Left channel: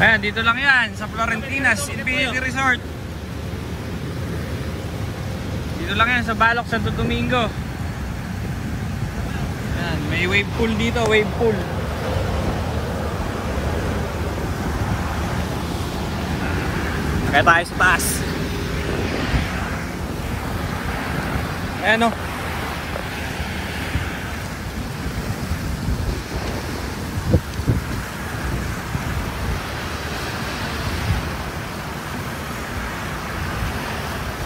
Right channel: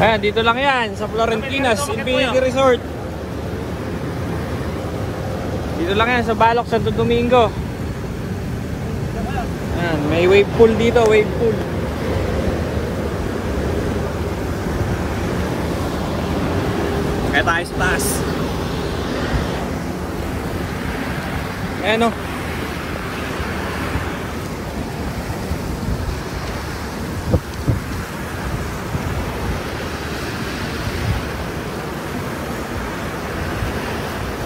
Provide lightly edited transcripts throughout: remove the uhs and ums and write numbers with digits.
Ayan, dito lang yan sa Florentinas Infinity Resort. Dito lang yan sa Balok, Santo Domingo. Ayan, may wave pool dito, wave pool. Kaya tayo sa taas. Ayan o.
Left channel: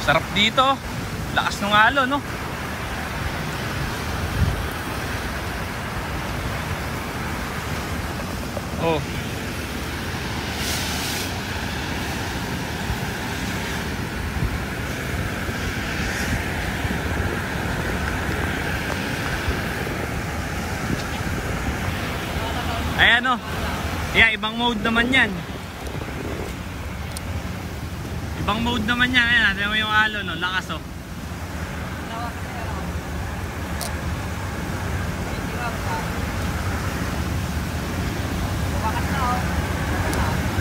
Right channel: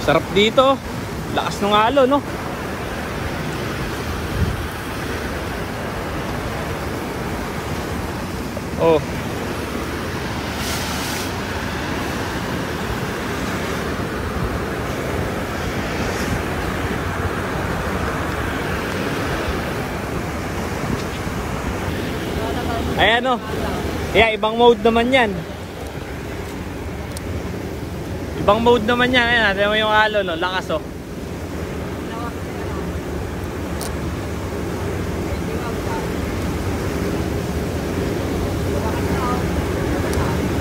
Sarap dito. Lakas ng alon, no? Oh. Ayan, no? Yeah, ibang mode naman yan. Ibang mode naman yan. Ayan, natin mo yung alon, no? Lakas, oh.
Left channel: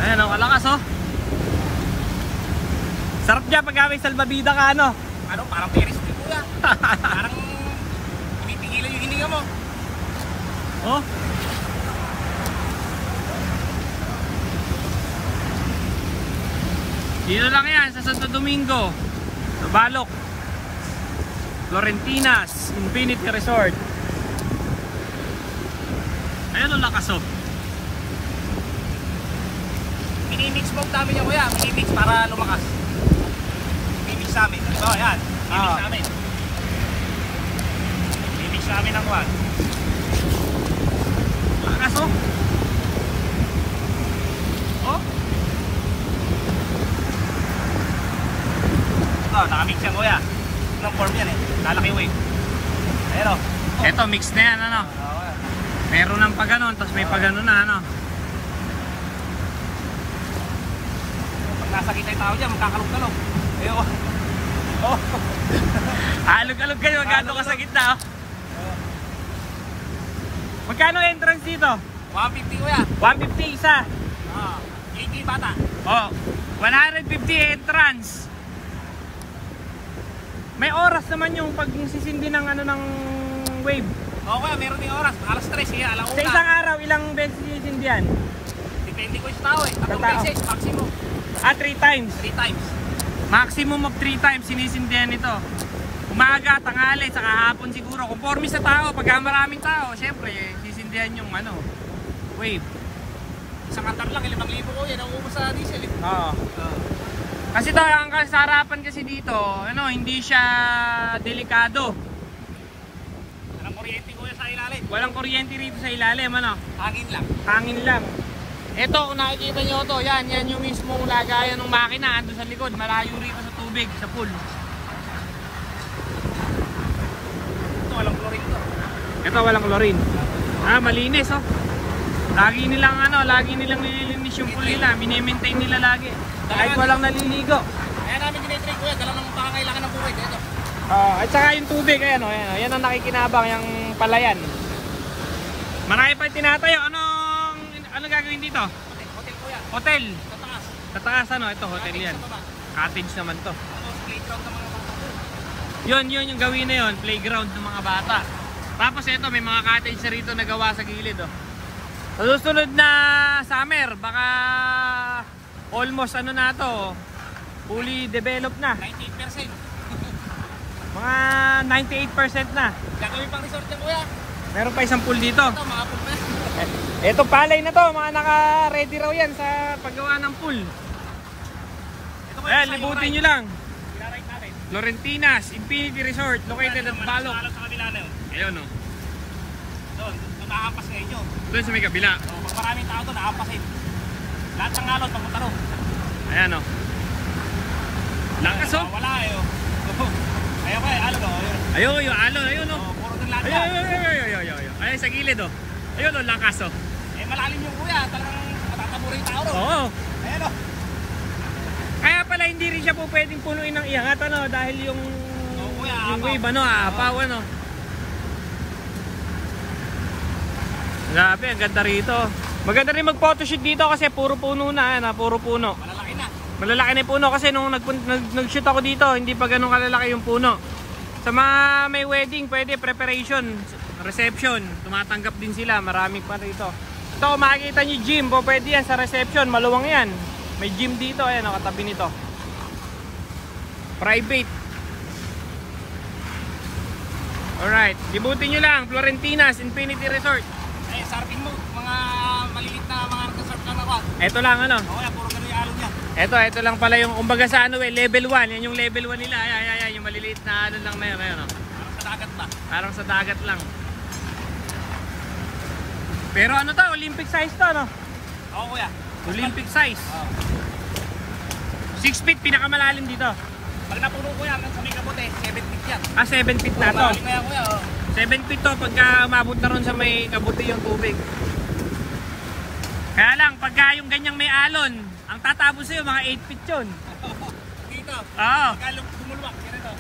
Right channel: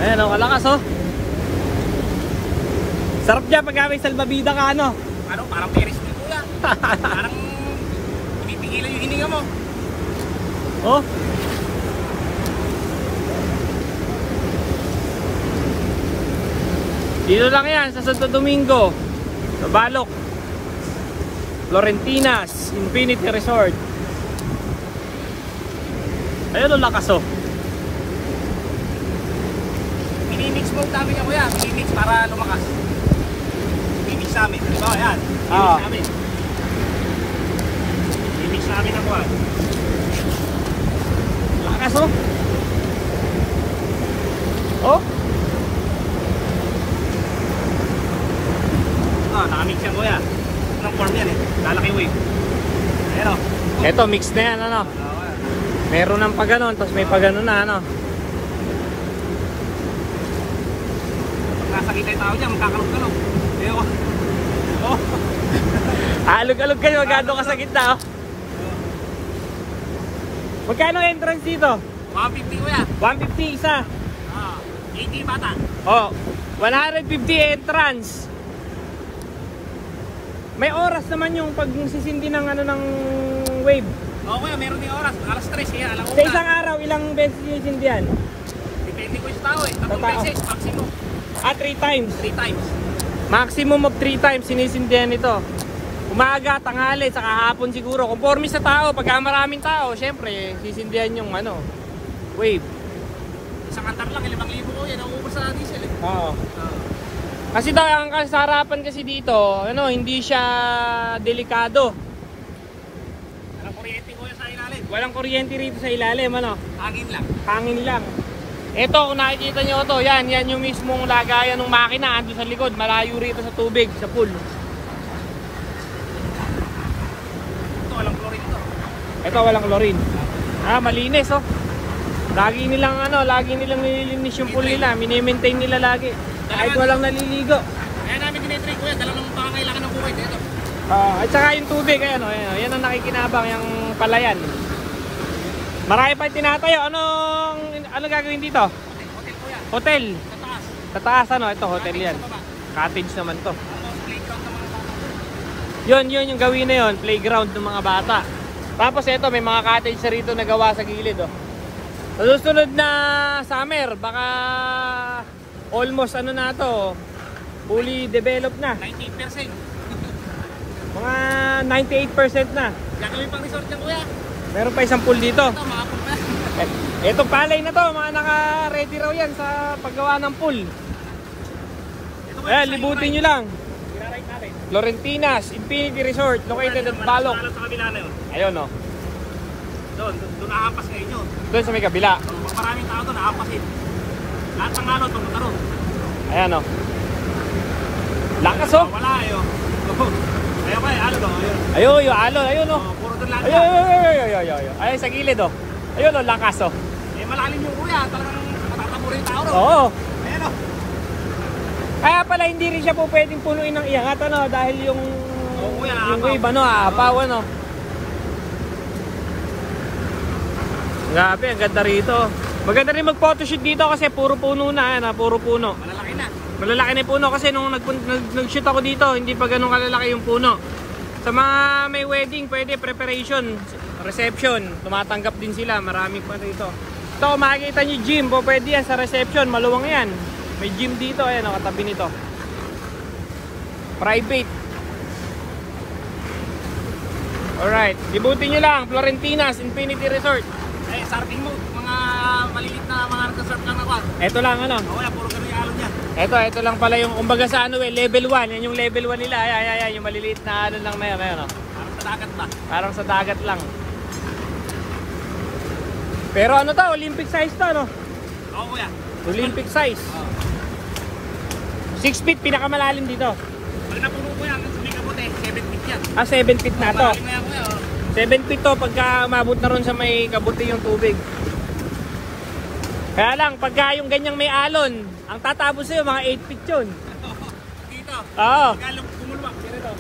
Ayan, oh, kalakas, oh. Sarap dyan pag may salbabida ka, ano? Ano, parang peris ni Kuya. Parang tumipigilan yung hininga mo. Oh. Dito lang yan sa Santo Domingo, sa Balok, Florentinas Infinity Resort. Ayun, ang lakas, oh. Minimix mode namin yan, Kuya. Minimix para lumakas. Minimix namin. So, ayan. Minimix namin. Minimix namin ang kuhan. Lakas, oh. Oh. Oh, nakamix yan, Kuya. Isang form yan, eh. Lalaki wave. Ayan, oh. Eto, mix na yan, ano? Meron ng pag-ganon, tapos may pag-ganon na, ano? Nasakita yung tao dyan, magkakalog-kalog. Ayoko. Oh. Alog-alog kayo, magkano ka sa gitna, oh. Magkano entrance dito? 150, Kuya. 150 isa. Ah, 80 bata. Oh, 150 entrance. May oras naman yung pag sisindi ng ano ng wave. Oo, Kuya, meron yung oras. Alas 3, kaya alam ko Sa isang araw, ilang beses sisindi yan? depende ko yung tao, eh. 3 beses, maximum. 3 times. 3 times. Maximum of 3 times sinisindihan ito. Umaga, tanghali, saka hapon siguro. Conforme sa tao, pagka maraming tao, syempre, sisindihan yung ano, wave. Isang atar lang, 5,000 ko yan. Nauubos sa diesel, eh. Oo. Kasi daw, ang kasarapan kasi dito, ano, hindi siya delikado. Walang kuryente ko yan sa ilalim. Walang kuryente rito sa ilalim, ano? Hangin lang. Hangin lang. Ito, kung nakikita nyo ito, yan yung mismong lagayan ng makina, ando sa likod, malayo rito sa tubig, sa pool. Ito, walang chlorine to. Ito, walang chlorine. Malinis, oh. Lagi nilang nililinis yung pool nila, mini-maintain nila lagi. Kahit walang naliligo. Kaya namin dinitrade ko yan, dala ng pakakailangan ng buhay dito. At saka yung tubig, ayan, oh, yan ang nakikinabang, yung palayan. Marami pa tinatayo. Ano gagawin dito? Hotel ko yan. Hotel. Sa taas. Sa taas, ano? Ito, hotel yan. Cottage naman to. Playground ng mga bata doon. Yun yung gawin na yun. Playground ng mga bata. Tapos ito, may mga cottage na rito na gawa sa gilid, oh. Sa susunod na summer, baka almost ano na to, fully developed na. 98%. Mga 98% na. Gagawin pang resort na, Kuya. Meron pa isang pool dito. Ito, mga pool pa. Etong palay na to, mga naka-ready raw yan sa paggawa ng pool. Ayan, libutin nyo lang. Florentinas Infinity Resort, located at Balok. Sa kabila na yun. Ayun, oh. Doon nakapas kayo nyo. Doon sa may kabila. So, pag maraming tao doon, nakapasin. Lahat ng alon, pamunta ron. Ayan, oh. Lakas, oh. Wala, ayo. Ayaw ba, alon, oh. Ayun, yung alon, ayun, oh. Puro doon lahat. Ayun. Ayun, sa gilid, oh. Ayun, oh, lakas, oh. Eh, malalim yung Kuya. Talagang matatamuro yung tao ron. Oo. Ayan, oh. Kaya pala hindi rin siya po pwedeng punuin ng iangat, ano, dahil yung wave, ano, aapaw, ano. Grabe, ang ganda rito. Maganda rin mag-photoshoot dito kasi puro puno na, yan, puro puno. Malalaki na. Malalaki na yung puno kasi nung nag-shoot ako dito, hindi pa ganun kalalaki yung puno. Sa mga may wedding, pwede preparation, reception, tumatanggap din sila, marami pa rito. So makikita nyo gym, pwede yan sa reception, maluwang yan. May gym dito, ayan, katabi nito. Private. Alright, ibutin nyo lang, Florentinas Infinity Resort. Eh, sa atin mo, mga maliit na mga nagka-surf lang ako. Ito lang ano. Wala, puro kami alon yan. Ito lang pala yung kumbaga sa ano level 1. Yan yung level 1 nila. Ayan, yung maliliit na ano lang na yun. Ayan, Sa dagat ba? parang sa dagat lang. Pero ano to, Olympic size to, no? Oo, kuya. Olympic size. Oo. 6 feet pinakamalalim dito. Pag napuno ko yan, sa may kabote, 7 feet yan. 7 feet na to. Malalim na yan, kuya. 7 feet to pagka umabot na ron sa may kabuti yung tubig. Kaya lang, pagka yung ganyang may alon, ang tatapos sa'yo, mga 8 feet yun. Dito. Oo. Pagkalong kumulwak. Dito.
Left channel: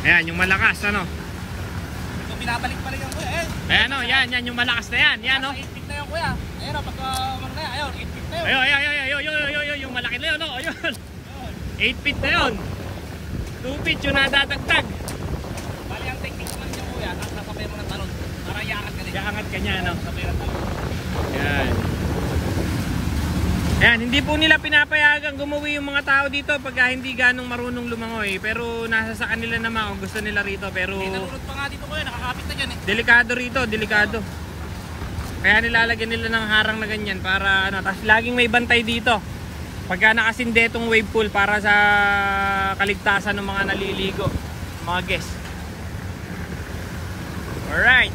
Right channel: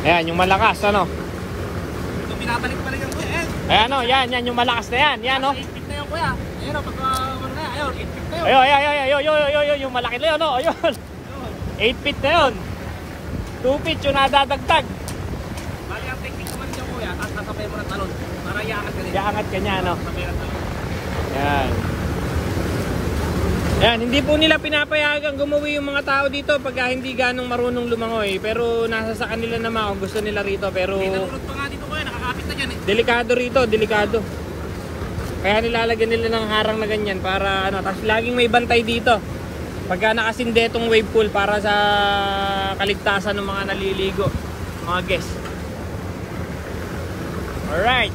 Ayan, yung malakas, ano? Ito, pinabalik pa rin yan, kuya. Ayan, no, yan, yung malakas na yan. Yan, no? 8 feet na yan, kuya. Ayun, pagka, ano na, ayun, 8 feet na yun. Ayun, yung malaki na yun, no? Ayun. 8 feet na yun. 2 feet yung nadadagdag. Bali, ang technique naman nyo, kuya, at sasabay mo ng talon. Para iangat ka din. Iangat ka niya, no? Sasabay ng talon. Yan. Yan, hindi po nila pinapayagang gumawi yung mga tao dito pagka hindi ganong marunong lumangoy. Pero nasa sa kanila naman kung gusto nila rito. Pero Nalulot pa nga dito, kuya, nakakapit na dyan eh. delikado rito, delikado. Kaya nilalagyan nila ng harang na ganyan para ano, tapos laging may bantay dito. Pagka nakasindetong wave pool para sa kaligtasan ng mga naliligo, mga guests. Alright.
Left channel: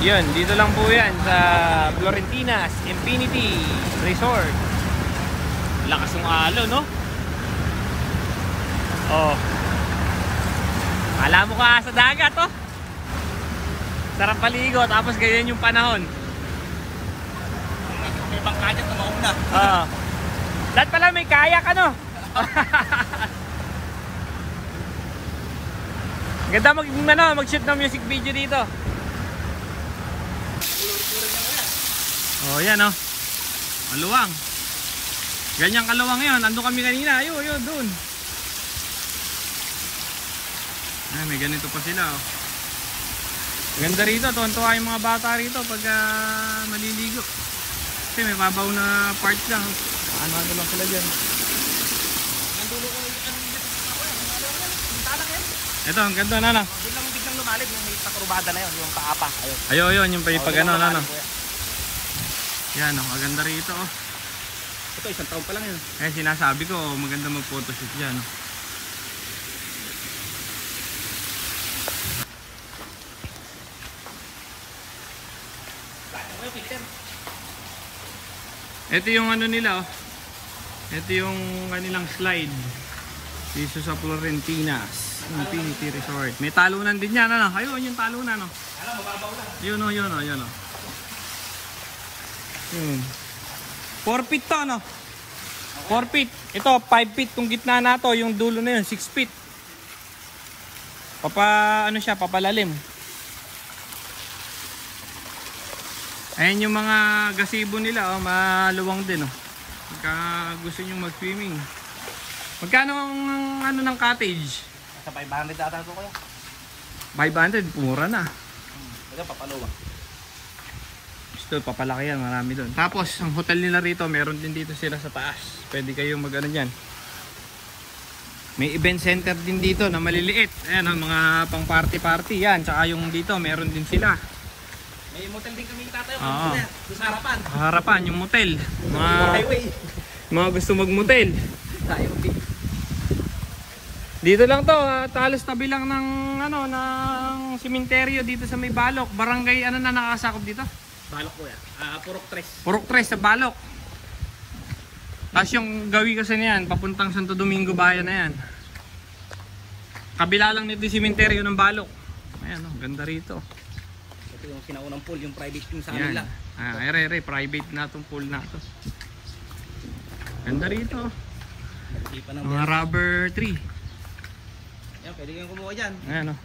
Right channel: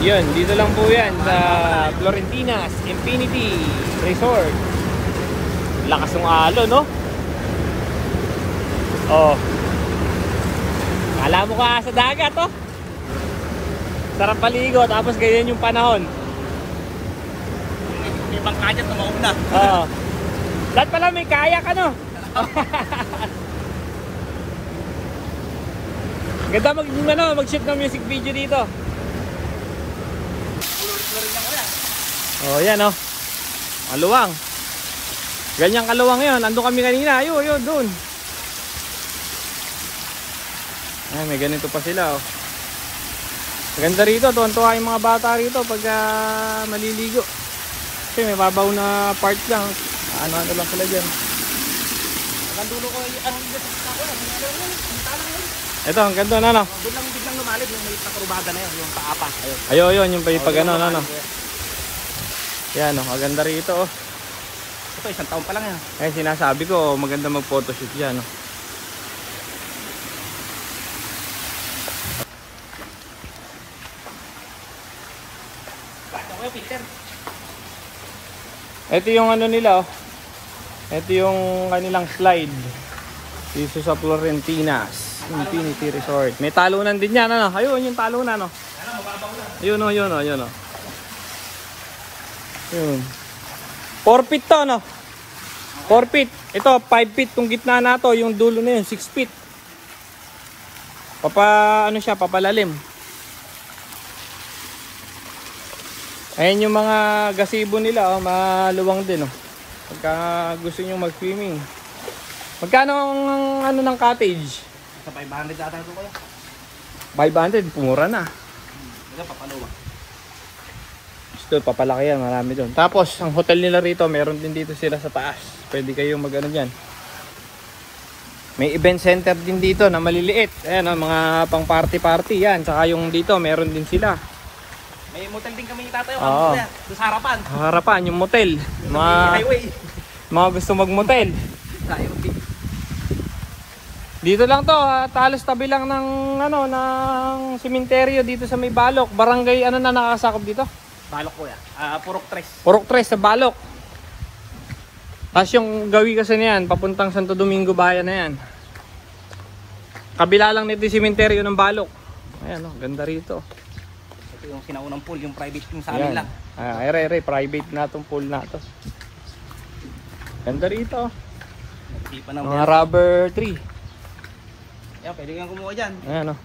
Yun, dito lang po yan sa Florentinas Infinity Resort. Lakas ng alon, no? Oh. Kala mo ka sa dagat, oh. Sarap paligo, tapos ganyan yung panahon. Ibang kanyat na mauna. Lahat pala may kayak, ano? Ganda mag-shoot ng music video dito. Oh, yan, oh. Maluwang. Ganyang kaluwang yun. Andun kami kanina. Ayun, doon. Ay, may ganito pa sila, oh. Maganda rito. Tuwan-tuwa yung mga bata rito pagka maliligo. Kasi may babaw na part lang. Ano lang sila dyan. Nandulo ko yung ano yung ako yan. Ito, ang ganda na, no? Biglang lumalid yung may patrubada na yun. Yung paapa. Ayun, yung pag ano, no? Yan, oh, maganda rito, oh. Ito, isang taon pa lang yan. Eh, sinasabi ko, maganda mag-photoshoot yan, oh. Ito yung ano nila, oh. Ito yung kanilang slide dito sa Florentinas Infinity Resort. May talunan din yan, ano? Ayun, yung talunan, oh. Alam, mababaw lang. Ayun, oh, yun, oh, yun, oh. 4 feet to, no? 4 feet. Ito, 5 feet. Itong gitna na to, yung dulo na yun, 6 feet. Ano siya, papalalim. Ayan yung mga gazebo nila, oh, maluwang din, oh. Pagka gusto nyo mag-swimming. Magkano ang ano ng cottage? Sa 500 ata ito ko lang. 500, pumura na. Ito, papaluwa. Gusto, papalaki yan, marami doon. Tapos, ang hotel nila rito, meron din dito sila sa taas. Pwede kayong mag-ano dyan. May event center din dito na maliliit. Ayan, oh, mga pang party-party yan. Tsaka yung dito, meron din sila. May motel din kami tatayo. Oo. Doon sa harapan. Harapan, yung motel. Highway. Mga gusto mag-motel. Sa highway. Dito lang to, talos tabi lang ng ano, ng sementeryo dito sa may Balok. Barangay ano na nakakasakop dito? Balok ko yan. Purok Tres. Purok Tres sa Balok. Tapos yung gawi kasi niyan, papuntang Santo Domingo Bayan na yan. Kabila lang nito yung sementeryo ng Balok. Ayan, oh, ganda rito. Ito yung kinaunang pool, yung private yung sa amin lang. Private na itong pool na to. Ganda rito. Hindi pa na Mga rubber tree. Yan, pwede kang kumuha dyan. Ayan, oh.